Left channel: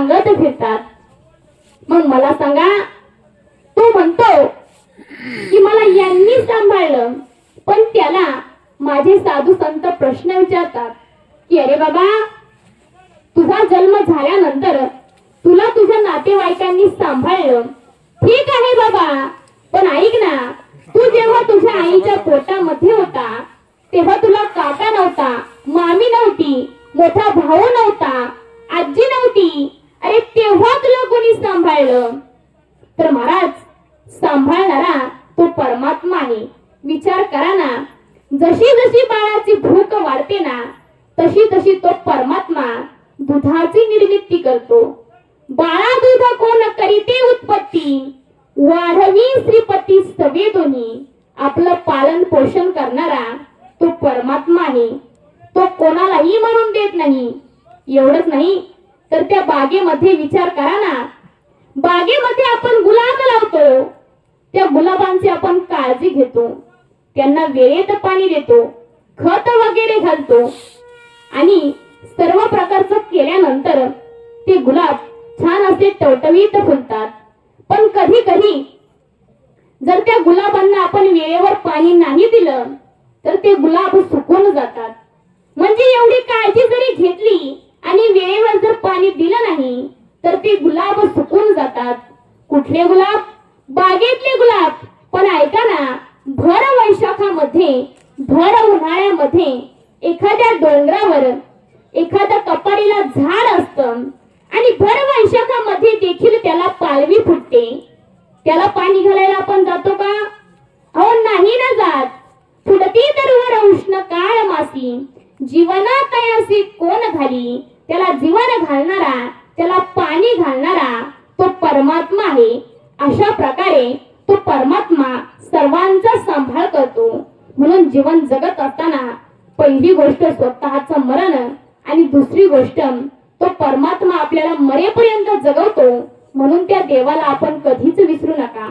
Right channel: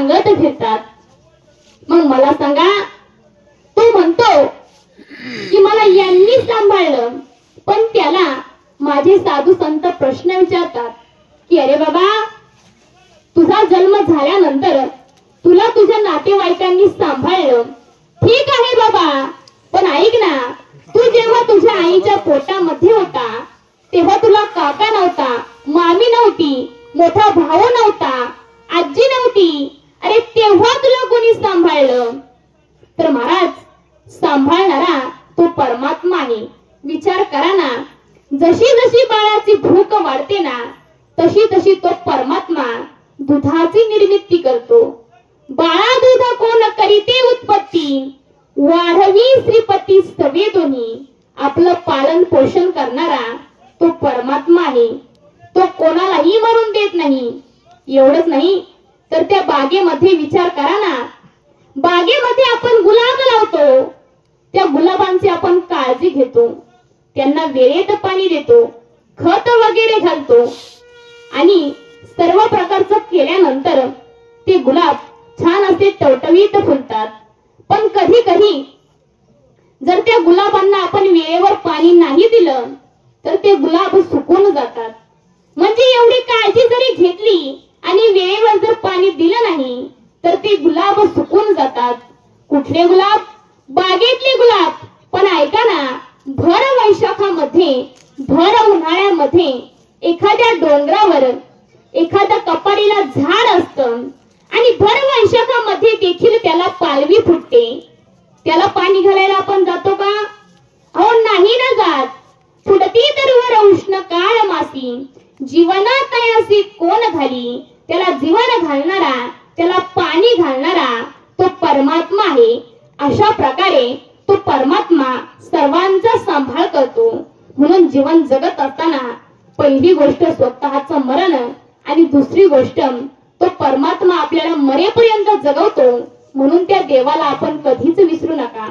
सांगत फिरतात. मग मला सांगा, तो म्हणतो की मला यांनी सांभाळलं, पण त्याला माझे साधू संत प्रश्न विचारतात की अरे बाबा, तुझा जन्म झाल्यानंतर तुला तुझ्या नातेवाईकांनी सांभाळलं, ठीक आहे बाबा, पण ऐक ना, तू जेव्हा तुझ्या आईच्या पोटामध्ये होता तेव्हा तुला काका नव्हता, मामी नव्हती, मोठा भाऊ नव्हता, आजी नव्हती, अरे तेव्हा तुला कोणी सांभाळलं? तर महाराज, सांभाळणारा तो परमात्मा आहे. विचार करा ना, जशी जशी बाळाची भूक वाढते ना, तशी तशी तो परमात्मा दुधाची निर्मिती करतो. बाळा दूध कोण करीते उत्पत्ती, वाढवी श्रीपती सवे दोन्ही. आपलं पालन पोषण करणारा तो परमात्मा आहे. तो कोणालाही मरून देत नाही. एवढंच नाही तर त्या बागेमध्ये विचार करा ना, बागेमध्ये आपण गुलाब लावतो, त्या गुलाबांची आपण काळजी घेतो, त्यांना वेळेत पाणी देतो, खत वगैरे घालतो आणि सर्व प्रकारचं केल्यानंतर ते गुलाब छान असे टवटवीत फुलतात. पण कधी कधी जर त्या गुलाबांना आपण वेळेवर पाणी नाही दिलं तर ते गुलाब सुकून जातात. म्हणजे एवढी काळजी जरी घेतली आणि वेळेवर जर पाणी दिलं नाही तर ते गुलाब सुकून जातात. कुठले गुलाब? बागेतले गुलाब. पण ऐका ना, भर वैशाखामध्ये, भर उन्हाळ्यामध्ये एखाद्या डोंगरावर एखाद्या कपारीला झाड असतं आणि भर वैशाखामध्ये देखील त्याला पालवी फुटते. त्याला पाणी घालायला आपण जातो का? अहो नाही ना जात. फुटती तरुवर उष्ण काळ मासी, जीवना तयासी कोण घाली. त्याला जीवन घालणारा, त्याला पाणी घालणारा तो परमात्मा आहे. अशा प्रकारे तो परमात्मा सर्वांचा सांभाळ करतो. म्हणून जीवन जगत असताना पहिली गोष्ट स्वतःचं मरण आणि दुसरी गोष्ट तो परमात्मा आपल्याला मरेपर्यंत जगवतो. म्हणून त्या देवाला आपण कधीच विसरू नका.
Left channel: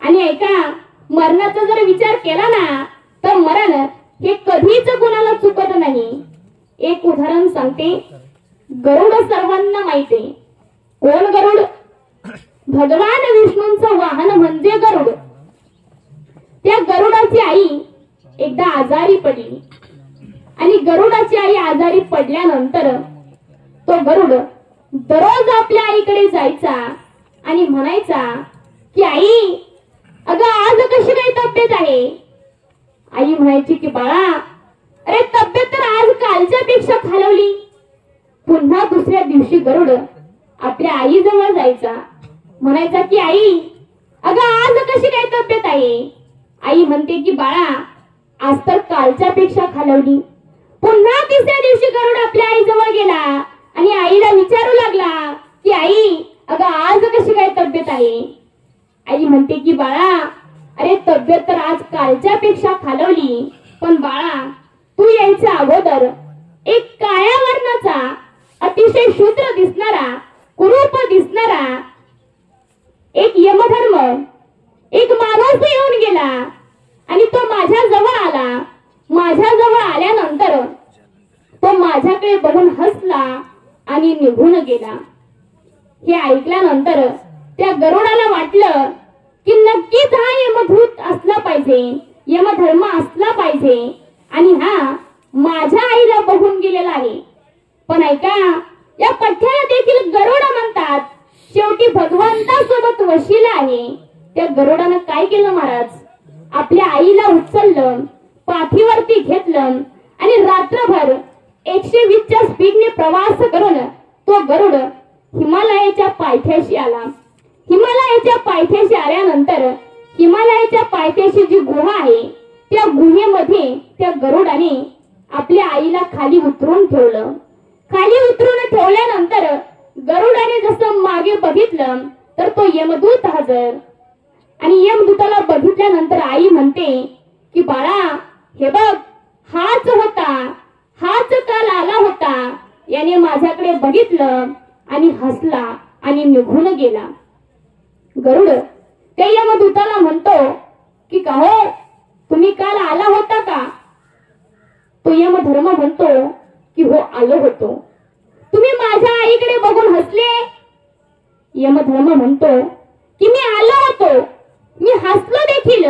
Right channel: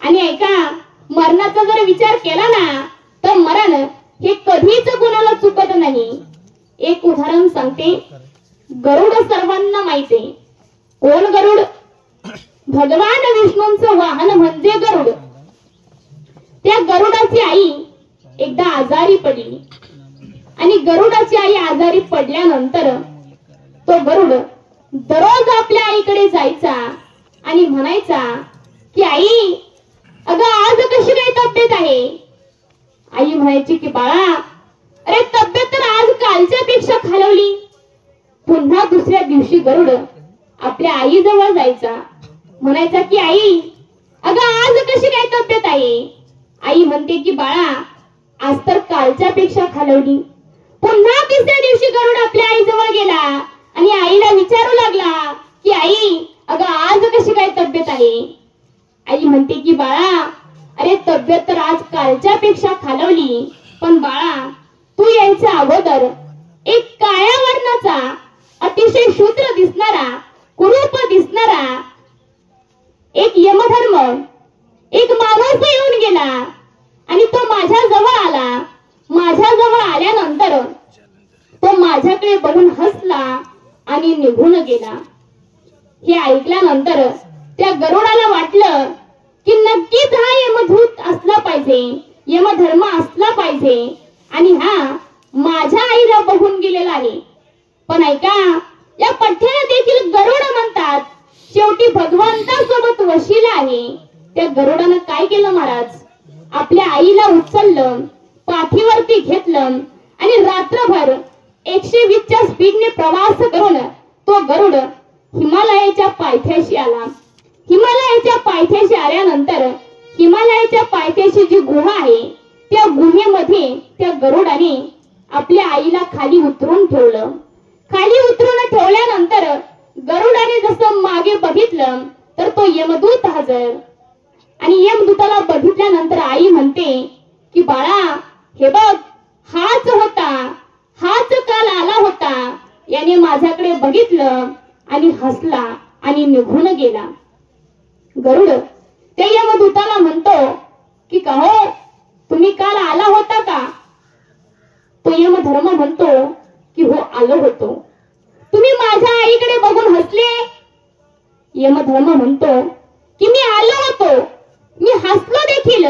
आणि ऐका, मरणाचा जर विचार केला ना तर मरण हे कधीच कोणाला चुकत नाही. एक उदाहरण सांगते. गरुड सर्वांना माहिती आहे. कोण गरुड? भगवान विष्णूंचं वाहन म्हणजे गरुड. त्या गरुडाची आई एकदा आजारी पडली आणि गरुडाची आई आजारी पडल्यानंतर तो गरुड दररोज आपल्या आईकडे जायचा आणि म्हणायचा की आई, अगं आज कशी काय तब्येत आहे? आई म्हणायची की बाळा, अरे तब्येत तर आज कालच्या पेक्षा खालवली. पुन्हा दुसऱ्या दिवशी गरुड आपल्या आई जवळ जायचा, म्हणायचा की आई, अगं आज कशी काय तब्येत आहे? आई म्हणते की बाळा, आज तर कालच्या पेक्षा खालवली. पुन्हा तिसऱ्या दिवशी गरुड आपल्या आई जवळ गेला आणि आईला विचारू लागला की आई, अगं आज कशी काय तब्येत आहे? आई म्हणते की बाळा, अरे तब्येत तर आज कालच्या पेक्षा खालवली, पण बाळा, तू यायच्या अगोदर एक काळ्या वर्णाचा, अतिशय शूद्र दिसणारा, कुरूप दिसणारा एक यमधर्म, एक माणूस येऊन गेला आणि तो माझ्या जवळ आला. माझ्या जवळ आल्यानंतर तो माझ्याकडे बघून हसला आणि निघून गेला. हे ऐकल्यानंतर त्या गरुडाला वाटलं की नक्कीच हा यमदूत असला पाहिजे, यमधर्म असला पाहिजे आणि हा माझ्या आईला बघून गेलेला आहे. पण ऐका, या पठ्याला देखील गरुड म्हणतात. शेवटी भगवंतासोबत वशिला आहे. त्या गरुडानं काय केलं महाराज? आपल्या आईला उचललं, पाठीवरती घेतलं आणि रात्रभर 120च्या स्पीडने प्रवास करून तो गरुड हिमालयाच्या पायथ्याशी आला. हिमालयाच्या पायथ्याशी आल्यानंतर हिमालयाच्या पायथ्याशी जी गुहा आहे त्या गुहेमध्ये त्या गरुडाने आपल्या आईला खाली उतरून ठेवलं. खाली उतरून ठेवल्यानंतर गरुडाने जसं मागे बघितलं तर तो यमदूत हजर. आणि यमदूताला बघितल्यानंतर आई म्हणते की बाळा, हे बघ, हाच होता, हाच काल आला होता. याने माझ्याकडे बघितलं आणि हसला आणि निघून गेला. गरुड त्या यमदूताला म्हणतो की का हो, तुम्ही काल आला होता का? तो यमधर्म म्हणतो की हो, आलो होतो. तुम्ही माझ्या आईकडे बघून हसले यमधर्म म्हणतो की मी आलो होतो, मी हसलो देखील,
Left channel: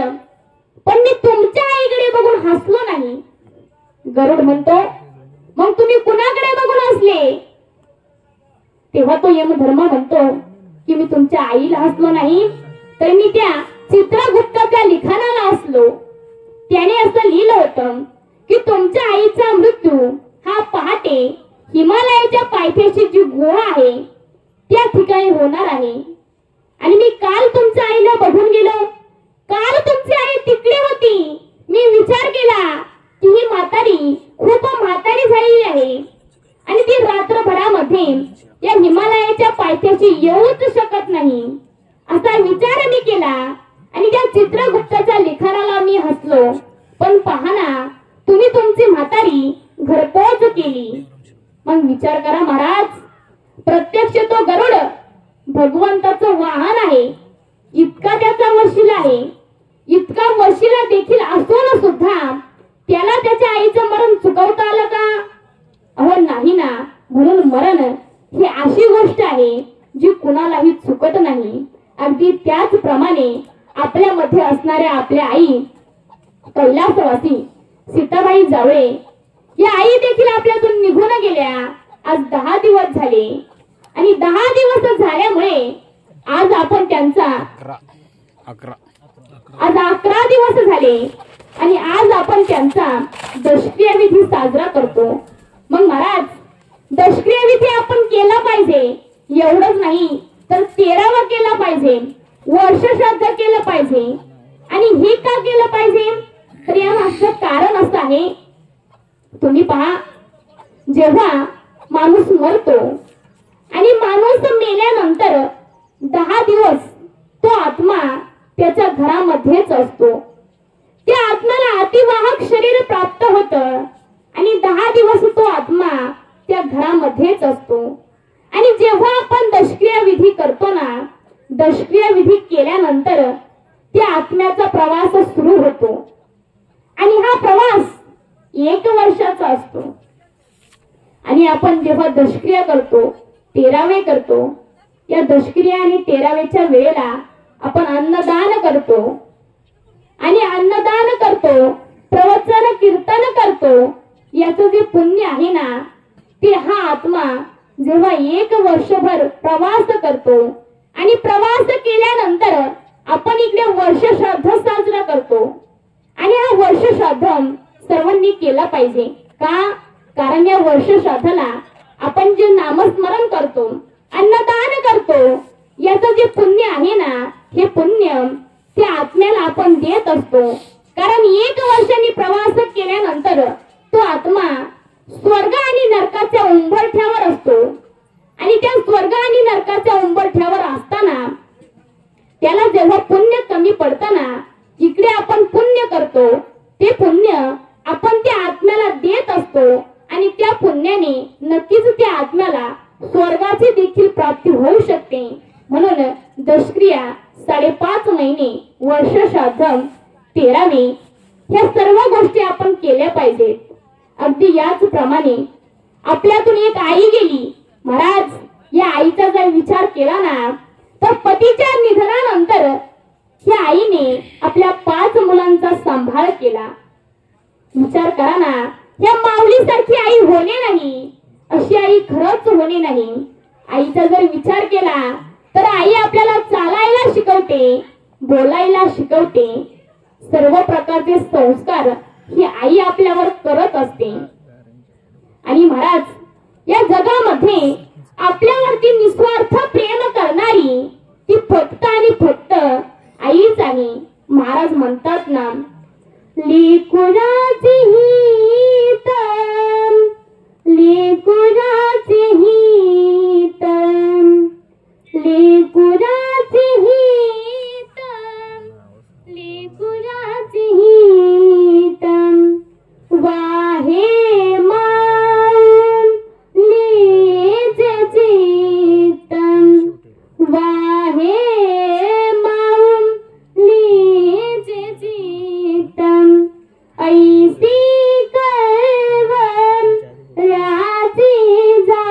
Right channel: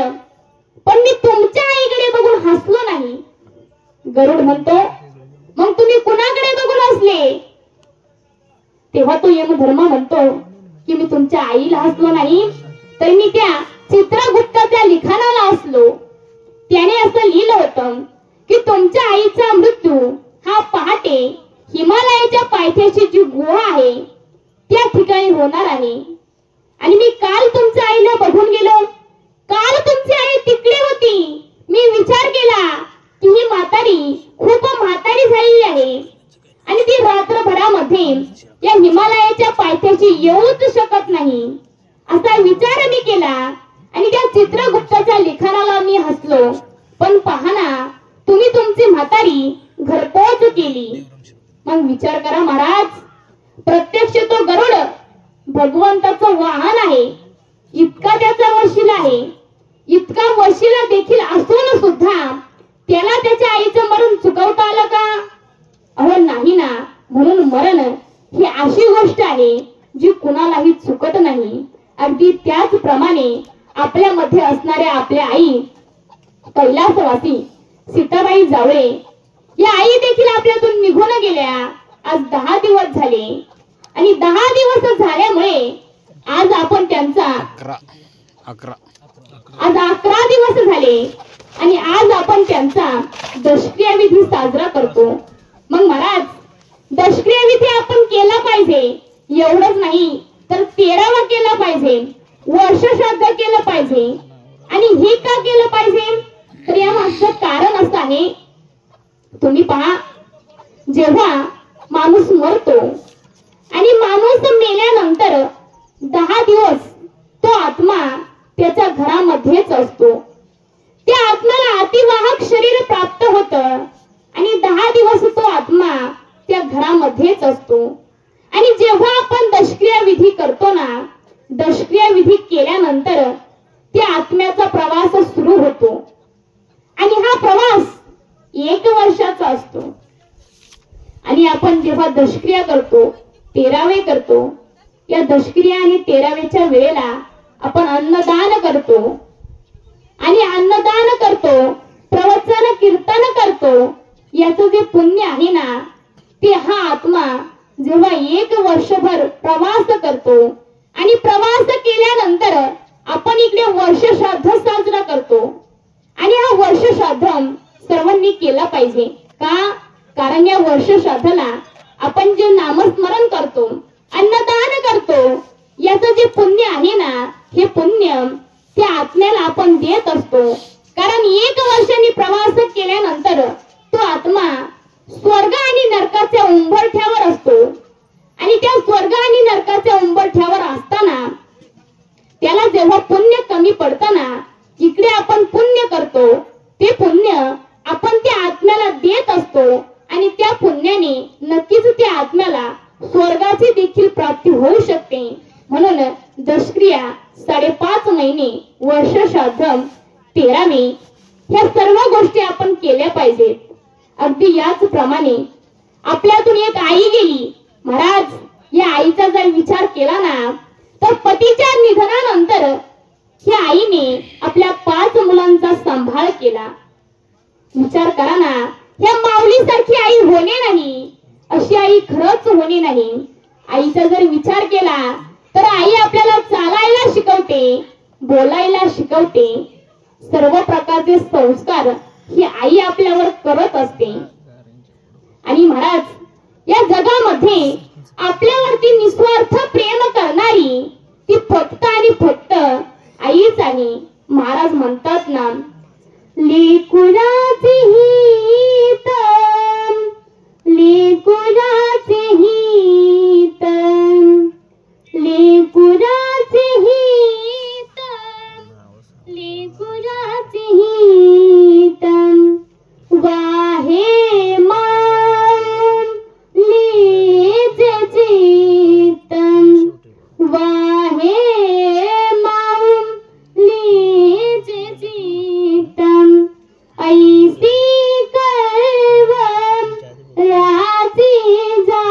पण मी तुमच्या आईकडे बघून हसलो नाही. गरुड म्हणतो मग तुम्ही कुणाकडे बघून हसले? तेव्हा तो यमधर्म म्हणतो की मी तुमच्या आईला हसलो नाही, तर मी त्या चित्रगुप्ताच्या लिखाणाला हसलो. त्याने असं लिहिलं होतं की तुमच्या आईचा मृत्यू हा पहाटे हिमालयाच्या पायथ्याची जी गुहा आहे त्या ठिकाणी होणार आहे. आणि मी काल तुमच्या आईला बघून गेलो, काल तुमची आई तिकडे होती. मी विचार केला की ही म्हातारी खूप म्हातारी झालेली आहे आणि ती रात्रभरामध्ये या हिमालयाच्या पायथ्याशी येऊच शकत नाही, असा विचार मी केला आणि त्या चित्रगुप्ताच्या लिखाणाला मी हसलो. पण पहा ना, तुम्ही तुमची म्हातारी घरपोच केली. मग विचार करा महाराज, प्रत्यक्ष तो गरुड भगवंताचं वाहन आहे, इतका त्याचा वशीला आहे, इतका वशीला देखील असून सुद्धा त्याला त्याच्या आईचं मरण चुकवता आलं का? अहो नाही ना. म्हणून मरण ही अशी गोष्ट आहे जी कुणालाही चुकत नाही. अगदी त्याचप्रमाणे आपल्यामध्ये असणाऱ्या आपल्या आई कैलासवासी सीताबाई जावळे या आई देखील आपल्यातून निघून गेल्या. आज 10 दिवस झाले आणि 10 दिवस झाल्यामुळे आज आपण त्यांचा 11 दिवस झाले आणि आज आपण त्यांचा दशक्रिया विधी साजरा करतो. मग महाराज, दशक्रिया विधी आपण केला पाहिजे. एवढंच नाही तर 13वा केला पाहिजे, वर्ष श्राद्ध केलं पाहिजे. आणि हे का केलं पाहिजे? तर या मागचं कारण असं आहे, तुम्ही पहा, जेव्हा माणूस मरतो आणि माणूस मेल्यानंतर 10 दिवस तो आत्मा त्याच्या घरामध्येच असतो. त्या आत्म्याला अतिवाहक शरीर प्राप्त होतं आणि 10 दिवस तो आत्मा त्या घरामध्येच असतो. आणि जेव्हा आपण दशक्रिया विधी करतो ना, दशक्रिया विधी केल्यानंतर त्या आत्म्याचा प्रवास सुरू होतो आणि हा प्रवास 1 वर्षाचा असतो. आणि आपण जेव्हा दशक्रिया करतो, 13वे करतो, या दशक्रिया आणि 13वेच्या वेळेला आपण अन्नदान करतो आणि अन्नदान करतो, प्रवचन कीर्तन करतो. याचं जे पुण्य आहे ना, ते हा आत्मा जेव्हा 1 वर्षभर प्रवास करतो आणि प्रवास केल्यानंतर आपण इकडे वर्ष श्राद्ध साजरा करतो. आणि हा वर्ष श्राद्ध सर्वांनी केला पाहिजे. का? कारण या वर्ष श्राद्धाला आपण जे नामस्मरण करतो, अन्नदान करतो, याचं जे पुण्य आहे ना, हे पुण्य त्या आत्म्याला आपण देत असतो. कारण 1 वर्षांनी प्रवास केल्यानंतर तो आत्मा स्वर्ग आणि नरकाच्या उंबरठ्यावर असतो. आणि त्या स्वर्ग आणि नरकाच्या उंबरठ्यावर असताना त्याला जेव्हा पुण्य कमी पडतं ना, इकडे आपण पुण्य करतो, ते पुण्य आपण त्या आत्म्याला देत असतो आणि त्या पुण्याने नक्कीच त्या आत्म्याला स्वर्गाची देखील प्राप्ती होऊ शकते. म्हणून दशक्रिया, 5.5 महिने, वर्ष श्राद्ध, 13वे, ह्या सर्व गोष्टी आपण केल्या पाहिजेत. अगदी याचप्रमाणे आपल्यातून एक आई गेली. महाराज, या आईचा जर विचार केला ना, तर पतीच्या निधनानंतर या आईने आपल्या 5 मुलांचा सांभाळ केला. विचार करा ना, या माऊलीसारखी आई होणे नाही, अशी आई खरंच होणे नाही. आईचा जर विचार केला तर आई आपल्याला चालायला शिकवते, बोलायला शिकवते, सर्व प्रकारचे संस्कार ही आई आपल्यावर करत असते. आणि महाराज, या जगामध्ये आपल्यावरती निस्वार्थ प्रेम करणारी ती फक्त आणि फक्त आईच आहे. महाराज म्हणतात ना, लेकुराचे हित, लेकुराचे हित, लेकुराचे हित, लेकुराचे हित, वाहे माऊन लेचे चित्तन, वाहे माऊन लेचे चित्तन, ऐसी कळवळ राची जा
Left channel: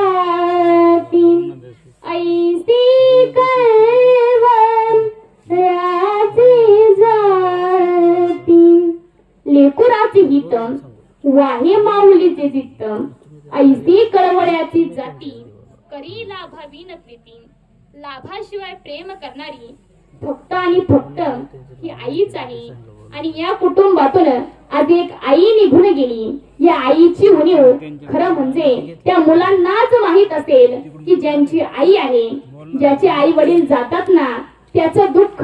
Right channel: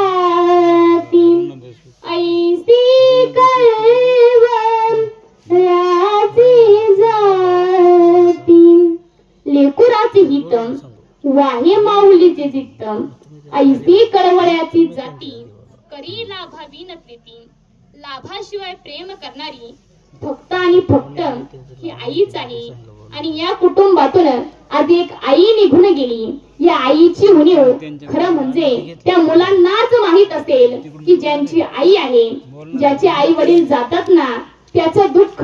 अभावी न प्रीती, लाभाशिवाय प्रेम करणारी फक्त आणि फक्त ही आईच आहे. आणि या कुटुंबातून आज एक आई निघून गेली. या आईची उणीव खरं म्हणजे त्या मुलांनाच माहित असेल की ज्यांची आई आहे, ज्याचे आई वडील जातात ना, त्याचं दुःख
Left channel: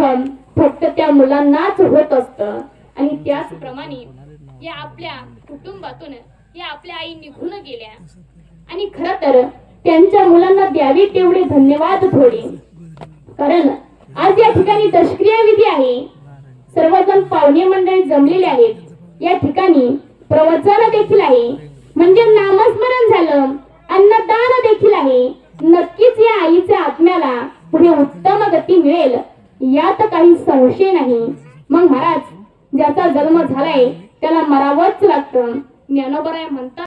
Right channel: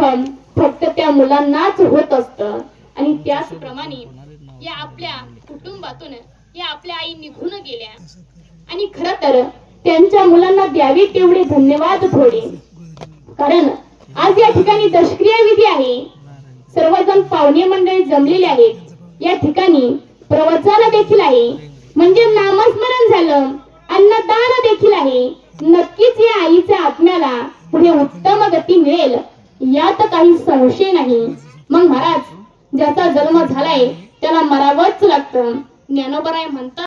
फक्त त्या मुलांनाच होत असतं. आणि त्याचप्रमाणे या आपल्या कुटुंबातून या आपल्या आई निघून गेल्या. आणि खर तर त्यांच्या मुलांना द्यावे तेवढे धन्यवाद थोडे, कारण आज या ठिकाणी दशक्रिया विधी आहे. सर्वजण पाहुणे मंडळी जमलेले आहेत. या ठिकाणी प्रवचन देखील आहे, म्हणजे नामस्मरण झालं, अन्नदान देखील आहे. नक्कीच या आईच्या आत्म्याला पुढे उत्तम गती मिळेल यात काही संशय नाही. मग महाराज, ज्याचा जन्म झालाय त्याला मरावंच लागतं. ज्ञानोबराय म्हणतात